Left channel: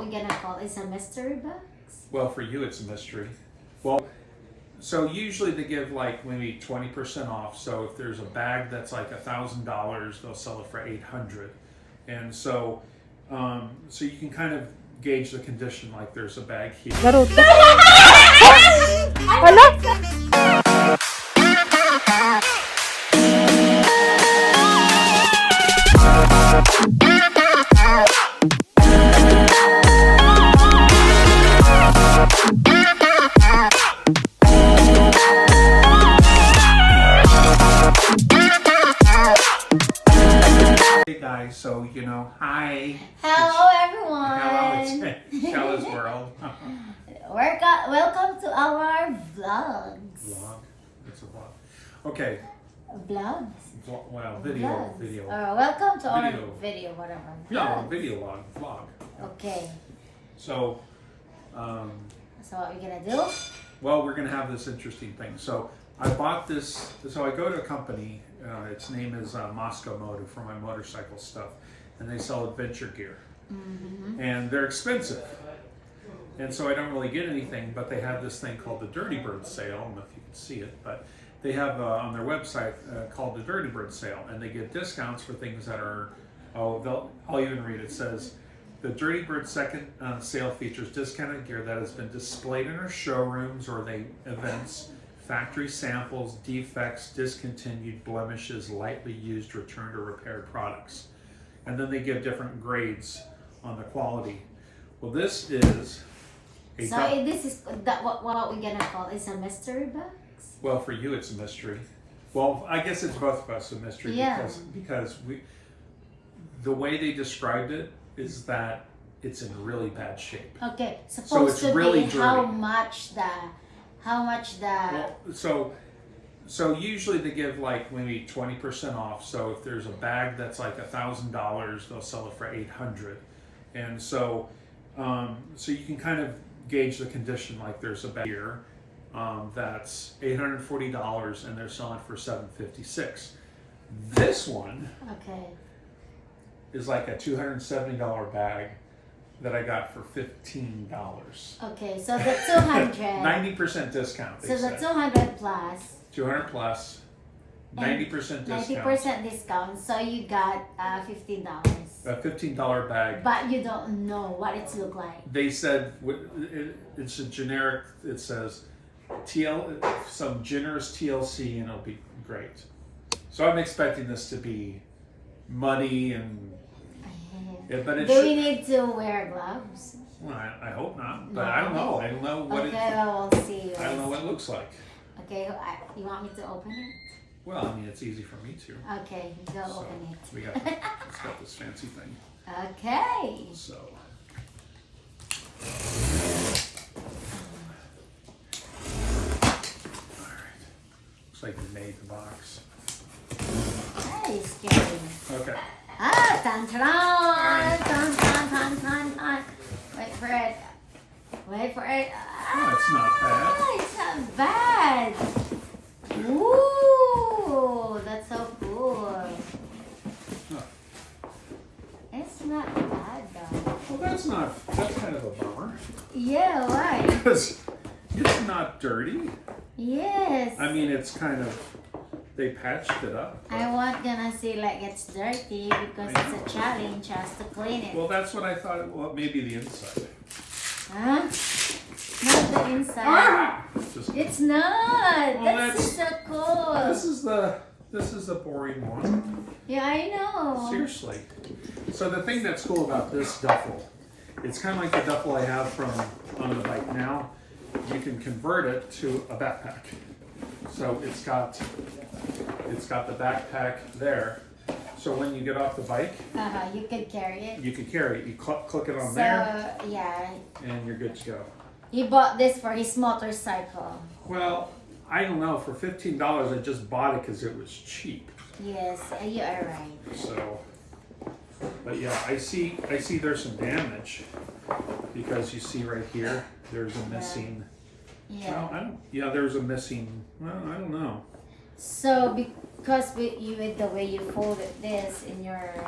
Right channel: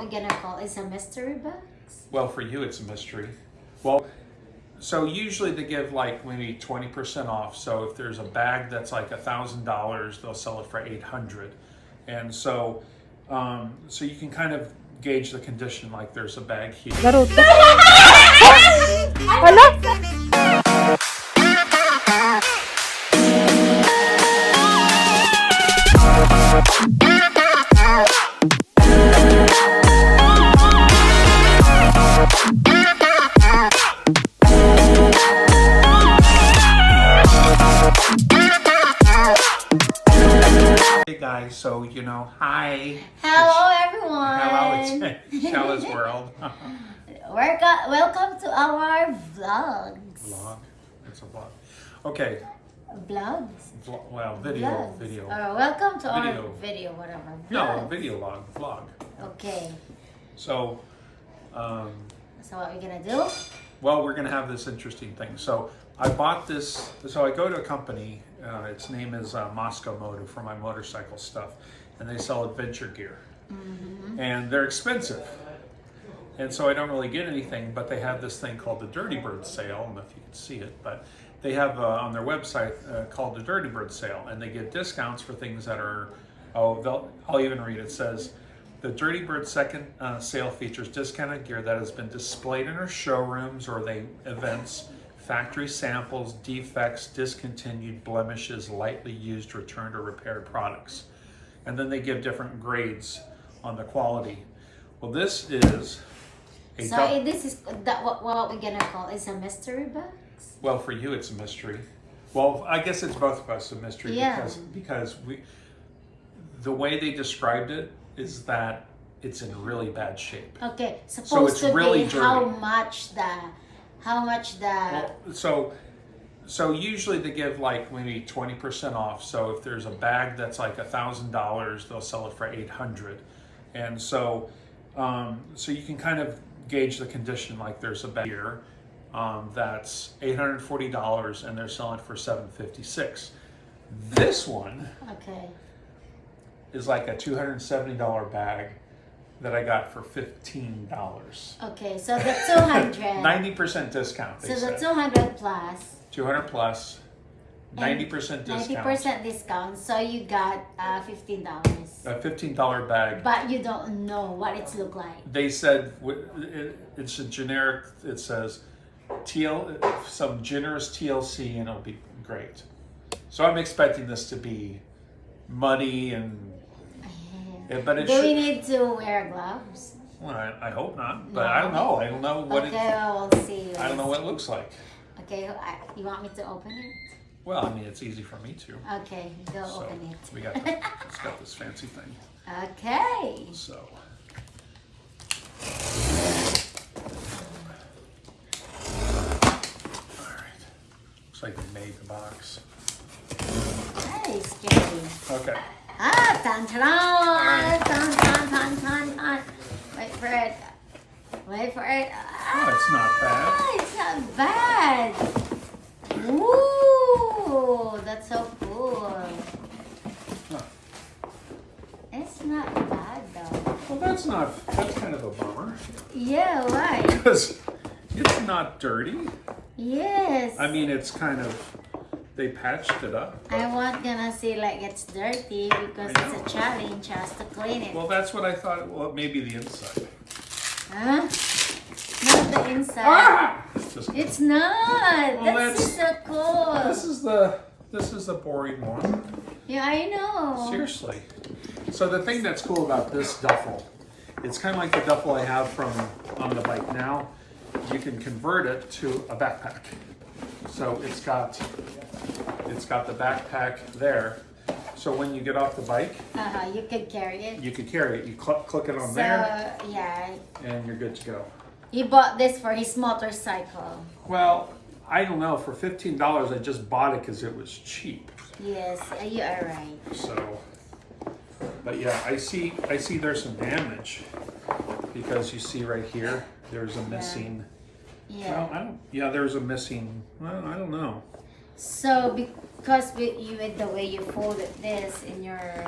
what we're gonna call is a mystery box. Well, for you, it's a mystery. Well, so usually they give like maybe 20% off. So if there's a bag that's like $1,000, they'll sell it for 800. And so, so you can kind of gauge the condition. Like there's a bag here. Guys, so hi. Hello, everyone. Hello, it's Sheila's World. Welcome to our vlogs. Vlog. It's a vlog. Okay. Vlogs. Well, video. Vlogs. Video. Welcome to our Video. video, whatever. No, Vlogs. video log. Vlog. Okay. So, So what we're gonna do? well, we're gonna have this interesting thing. So I bought this. So I go to a company. Its name is Moscow Motor for my motorcycle stuff, and they sell adventure gear, and they're expensive. And so I don't really get anything, but they have this thing called the Dirty Bird Sale. I don't know if you can see it, but they have on their website called the Dirty Bird Sale, and they give discounts for things that are. I'll even read it. It says. The Dirty Bird second sale features discounted gear that has been displayed in our showrooms or events, factory samples, defects, discontinued, blemishes, lightly used, returned, or repaired products. And then they give different grades on the quality. Well, this is a This is what we're gonna call is a mystery box. well, for you it's a mystery. Well, I guess it's both of us a mystery because the way they described it is that it's in really bad shape. Okay, So supposed it's to really be dirty. how much the Well, so usually they give like maybe 20% off. So if there's a bag that's like $1,000, they'll sell it for 800. And so, so you can kind of gauge the condition. Like there's a bag here that's $840 and they're selling for $756. This one is like a $270 bag that I got for $15. Okay, so the 200. 90% discount. So the 200 plus. 200 plus. 90% discount. 90% discount. So you got $15. A $15 bag. But you don't know what it's look like. They said it's a generic. It says some generous TLC, and it'll be great. So I'm expecting this to be muddy and. But it Do we need to wear gloves? Well, I hope not, but No. I don't know. I don't know what well, we'll see. I don't know what it looks like. Okay, you want me to open it? Well, I mean, it's easy for me to. Okay, go So, open it. We got it's got this fancy thing. Okay. So. All right. Looks like we made the box. Hey, scary. Okay. Tan tan. Wait for it. Wait for it. Oh, it's not bad. It's not bad. Ooh, that's so cool. Huh. It's not bad though. Well, that's kind of a bummer. Yeah, why? Because it's not dirty. Yes. I mean, it's kind of, they patched it up. I wasn't gonna say like it's dirty because I it's know. a challenge just to clean it. Well, that's what I thought. Well, maybe the inside. Huh? Not the inside. Ah! Just, It's not. Well, That's just so cool. this is the boring one. Yeah, I know. Seriously. So the thing that's cool about this duffel, it's kind of like the duffel I have from on the bike now. You can convert it to a backpack. So it's got the backpack there. So when you get off the bike, You could carry it. you could carry it. You click it on So there, yeah, and you're good to go. he bought this for his motorcycle. Well, I don't know. For $15, I just bought it because it was cheap. Yes, you are right. So, but yeah, I see there's some damage because you see right here, there's a missing. Yeah. Well, there's a missing. Well, I don't know. So because with the way you folded this in your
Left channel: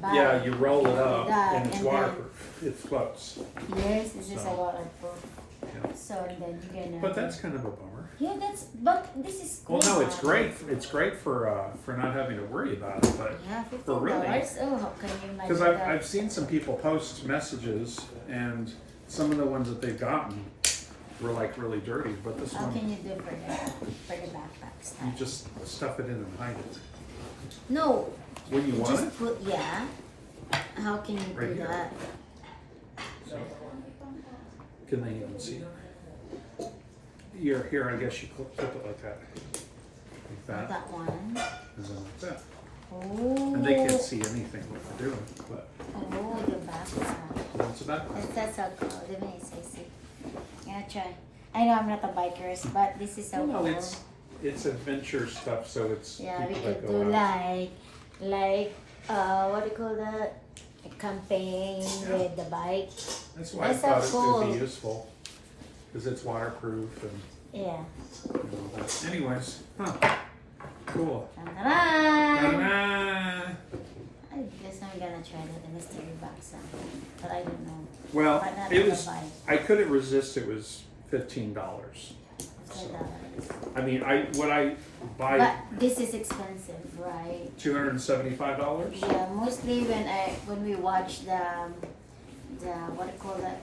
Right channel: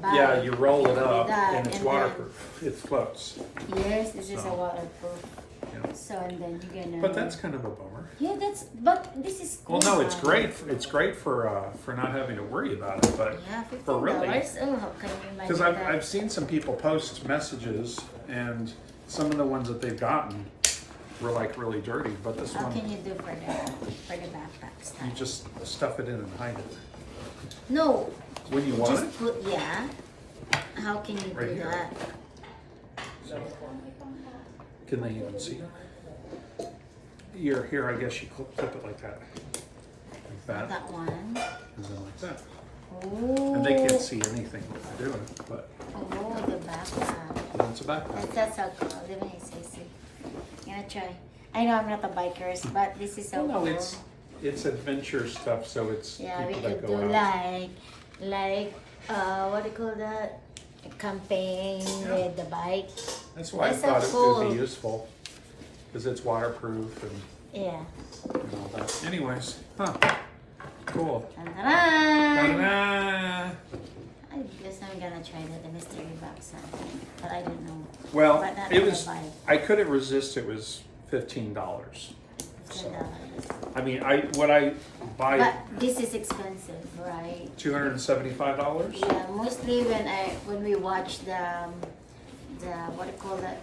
bag. Yeah, you roll it up that, and it's and waterproof. It floats. Yes, this is a So, waterproof. yeah. So and then you're gonna. But that's kind of a bummer. Yeah, but this is cool. Well, no, it's now. great. It's great for not having to worry about it. But Yeah, for really, $15. Oh, how can you imagine because that? I've seen some people post messages, and some of the ones that they've gotten were like really dirty. But this How one, can you do for the backpack you style? just stuff it in and hide it No, when you want just it. put How can you Right do here. that? Can they even see it? Here, I guess you clip it like that. Like Not that. that one. And then like that. Oh. And they can't see anything what they're doing, but Oh, the backpack. it's a backpack. That's so cool. Let me see. I'm gonna try. I know I'm not a biker, but this is so Well, no, cool. it's adventure stuff, so it's Yeah, we people that could go do out. like what do you call that? A campaign with the bike. That's why That's I thought so it cool. would be useful, because it's waterproof and Yeah. all that. Anyways, cool. Ta-da! Ta-da! I guess I'm gonna try the mystery box, but I don't know. Well, But not it in was. the bike. I couldn't resist. It was $15. $10. I mean, what I buy But this is expensive, right? $275. Yeah, mostly when we watch the what do you call that,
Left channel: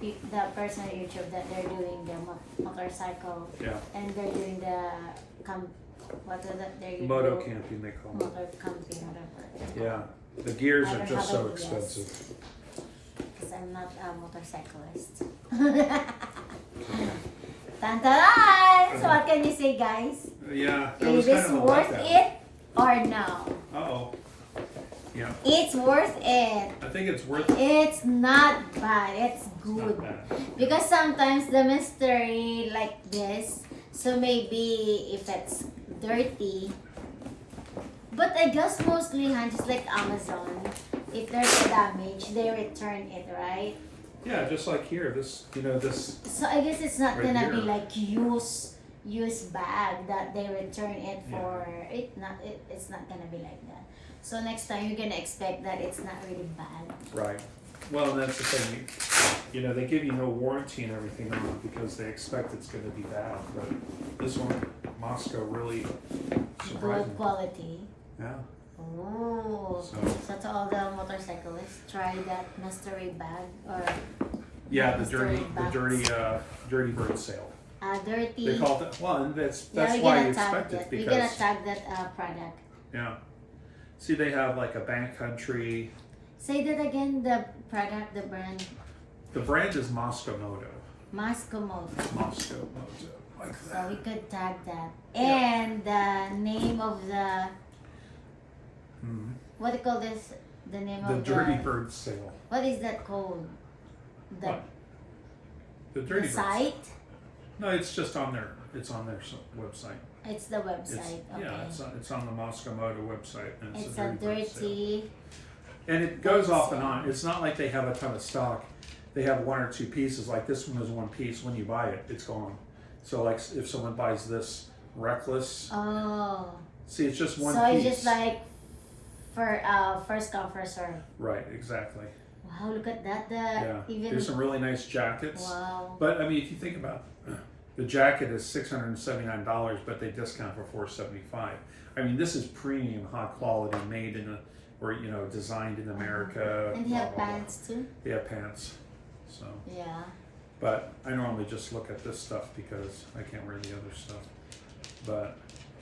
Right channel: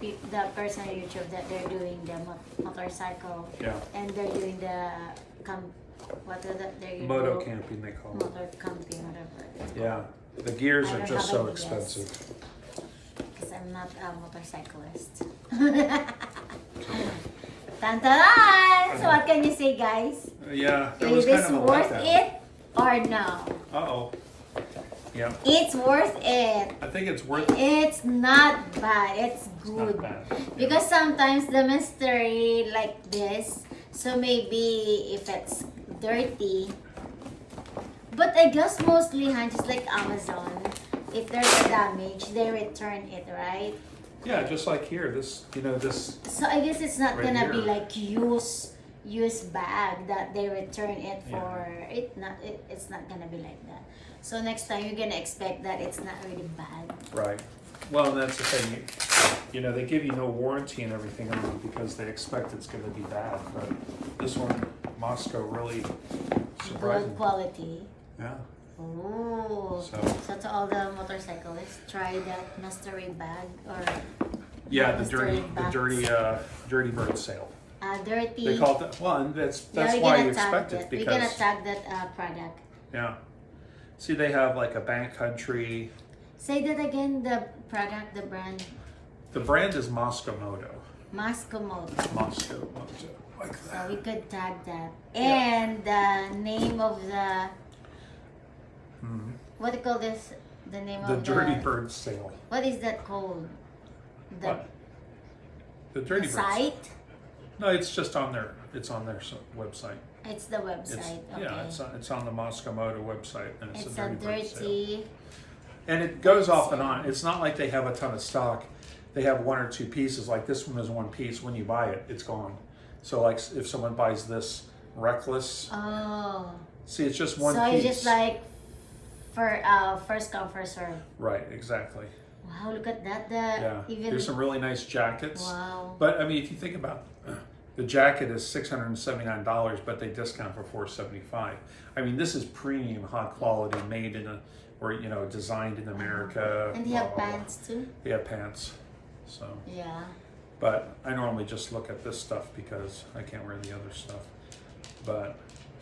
the person on YouTube that they're doing the motorcycle, Yeah, and they're doing the what are they moto camping they call it. motor camping, whatever. Yeah, the gears I are don't just have so ideas. expensive. Because I'm not a motorcyclist. Tantaran! So what can you say, guys? Yeah, that Is was this kind of a worth letdown. it or no? Uh-oh. Yeah, It's worth it. I think it's worth it. It's not bad. It's It's good. not bad. Because sometimes the mystery like this, so maybe if it's dirty, but I guess mostly, just like Amazon, if there's a damage, they return it, right? Yeah, just like here, this, this, So I guess it's not Right gonna be here. like use bag that they return it for. It's not gonna be like that. So next time you're gonna expect that it's not really bad. right. Well, and that's the thing, they give you no warranty and everything on it because they expect it's gonna be bad, but this one, Moscow, really surprised Good me. quality. Yeah, Oh, So- so to all the motorcyclists, try that mystery bag or yeah, the mystery dirty bird sale. dirty. They call it, well, and that's Yeah, we're why gonna you tag expect that. it, We're gonna because, tag that product. yeah. See, they have like a backcountry, Say that again. The product, the brand, the brand is Moscow Moto. Moscow Moto. Moscow Moto, like So that. we could tag that. Yeah. And the name of the Mhm. what do you call this? The name The of dirty the bird sale. what is that called? The, What? The the dirty bird sale. site? No, it's just on their, website. It's the website. It's, Okay. yeah, it's on the Moscow Moto website, and it's, It's a a dirty bird sale. dirty. And it goes off and on. It's not like they have a ton of stock. They have one or two pieces. Like this one is one piece. When you buy it, it's gone. So like if someone buys this Reckless, Oh. see, it's just one So piece. it's just like for first come first serve. Right, exactly. Wow, look at that. Yeah. Even There's some really nice jackets. wow. But I mean, if you think about the jacket is $679, but they discount for $475. I mean, this is premium, high quality, made in a, or designed in America. And they blah, have blah, blah. pants too. They have pants. So, Yeah. but I normally just look at this stuff because I can't wear the other stuff. But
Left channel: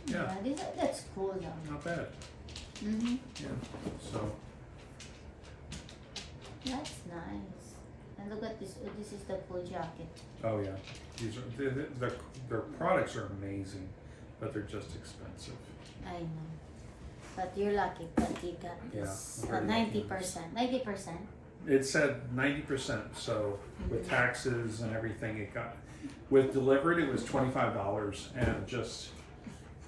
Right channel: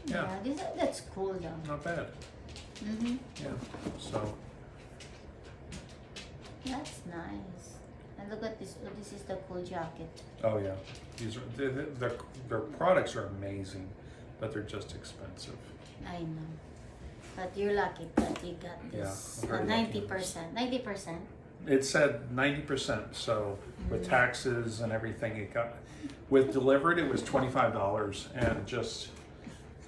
yeah, That's cool though. not bad. Mhm. Yeah. So That's nice. And look at this. Oh, this is the cool jacket. oh yeah, these are their products are amazing, but they're just expensive. I know. But you're lucky that you got this. Yeah, I'm very lucky. 90%. 90%. It said 90%. So with Mm. taxes and everything, it got with delivered it was $25, and just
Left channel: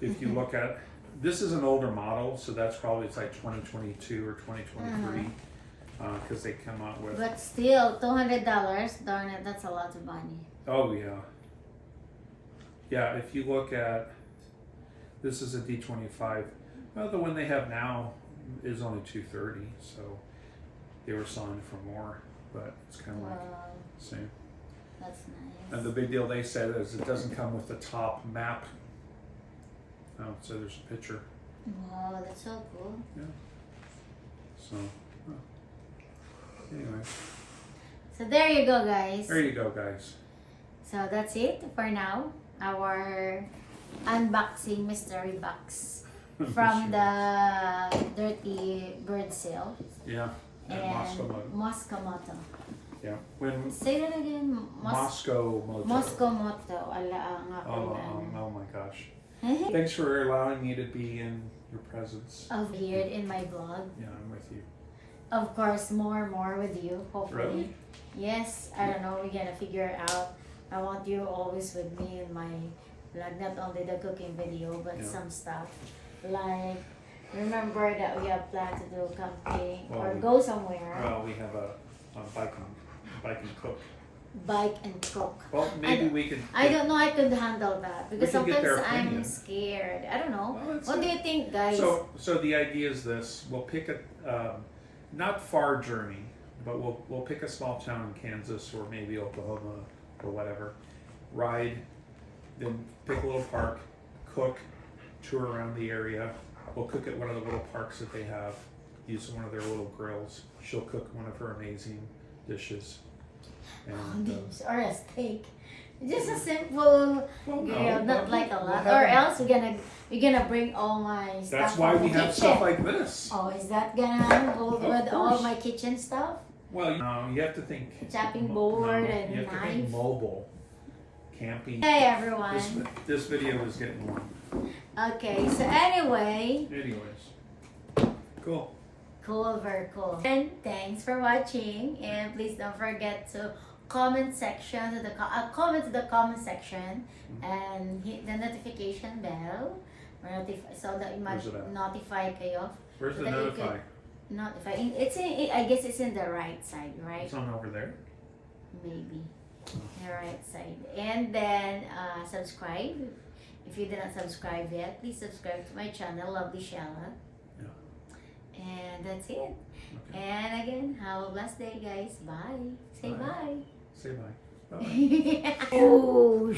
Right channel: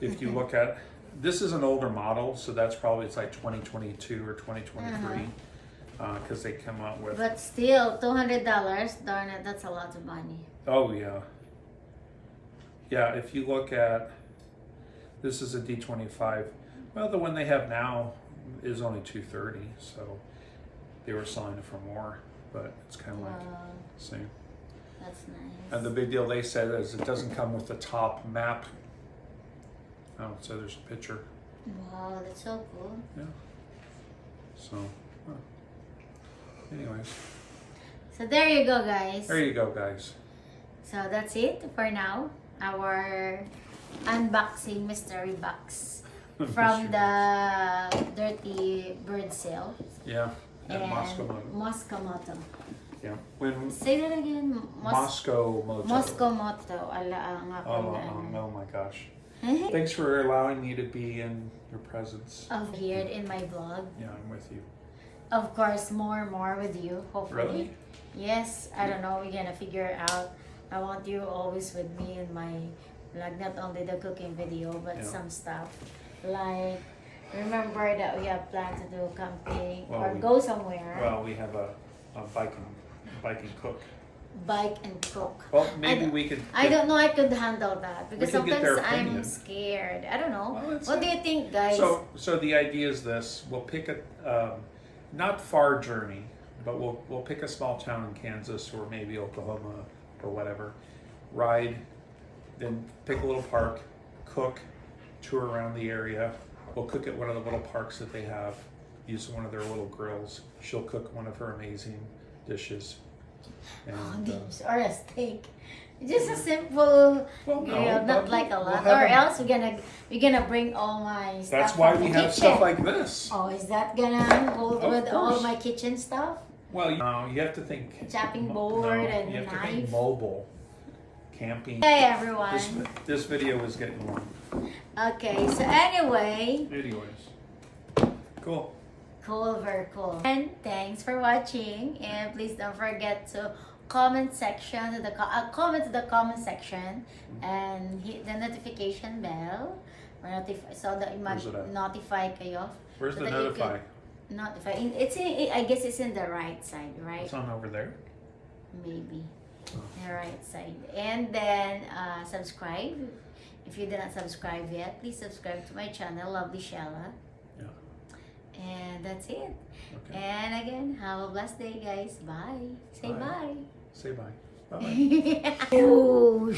if you look at this is an older model, so that's probably it's like 2022 or 2023 because they come out with. But still, $200. Darn it, that's a lot of money. Oh yeah. Yeah, if you look at this is a D25. Well, the one they have now is only $230, so they were selling it for more, but it's kind of like Wow, same. that's nice. And the big deal they said is it doesn't come with the top map. Oh, so there's a picture. Wow, that's so cool. Yeah. So, anyway, So there you go, guys. there you go, guys. So that's it for now. Our unboxing mystery box from the Dirty Bird sale. Yeah. And Moscow Moto. Moscow Moto. Yeah. When Say that again. Moscow Moto. Moscow Moto. Ala nga Oh, oh my gosh. Thanks for allowing me to be in your presence. Appeared in my vlog. Yeah, I'm with you. Of course, more with you, hopefully. Really? Yes, I don't know. We're gonna figure it out. I want you always with me in my vlog, not only the cooking video, but Yeah. some stuff. Like, remember that we have planned to do camping Well, or we- go somewhere, Well, we have a bike and cook. bike and cook. Well, maybe we could. I don't know I could handle that because We could get sometimes their I'm opinion. scared. I don't know. Well, it's What do you think, guys? So the idea is this: we'll pick a not far journey, but we'll pick a small town in Kansas or maybe Oklahoma or whatever. Ride, then pick a little park, cook, tour around the area. We'll cook at one of the little parks that they have. Use one of their little grills. She'll cook one of her amazing dishes. And, or a steak. Just a simple Well, no, grill, not but like a we'll lot. have Or a- else we're gonna bring all my stuff that's why from we the have kitchen. stuff like this. Oh, is that gonna hold Of with all course. my kitchen stuff? Well, you have to think Chopping mo- board no, and you have to think knife. mobile camping. Hey everyone. This video is getting long. Okay, so anyway, Anyways, cool. cool, very cool. And thanks for watching. And please don't forget to comment section to the comment to the comment section and hit the notification bell or so that you might Where's it at? notify kayo. Where's So the that you notify? could notify. It's in, I guess it's in the right side, right? It's on over there. Maybe Oh. the right side. And then subscribe. If you did not subscribe yet, please subscribe to my channel, Lovely Sheila. Yeah. And that's it. Okay. And again, have a blessed day, guys. Bye. Say Bye. bye. Say bye. Bye. Oh,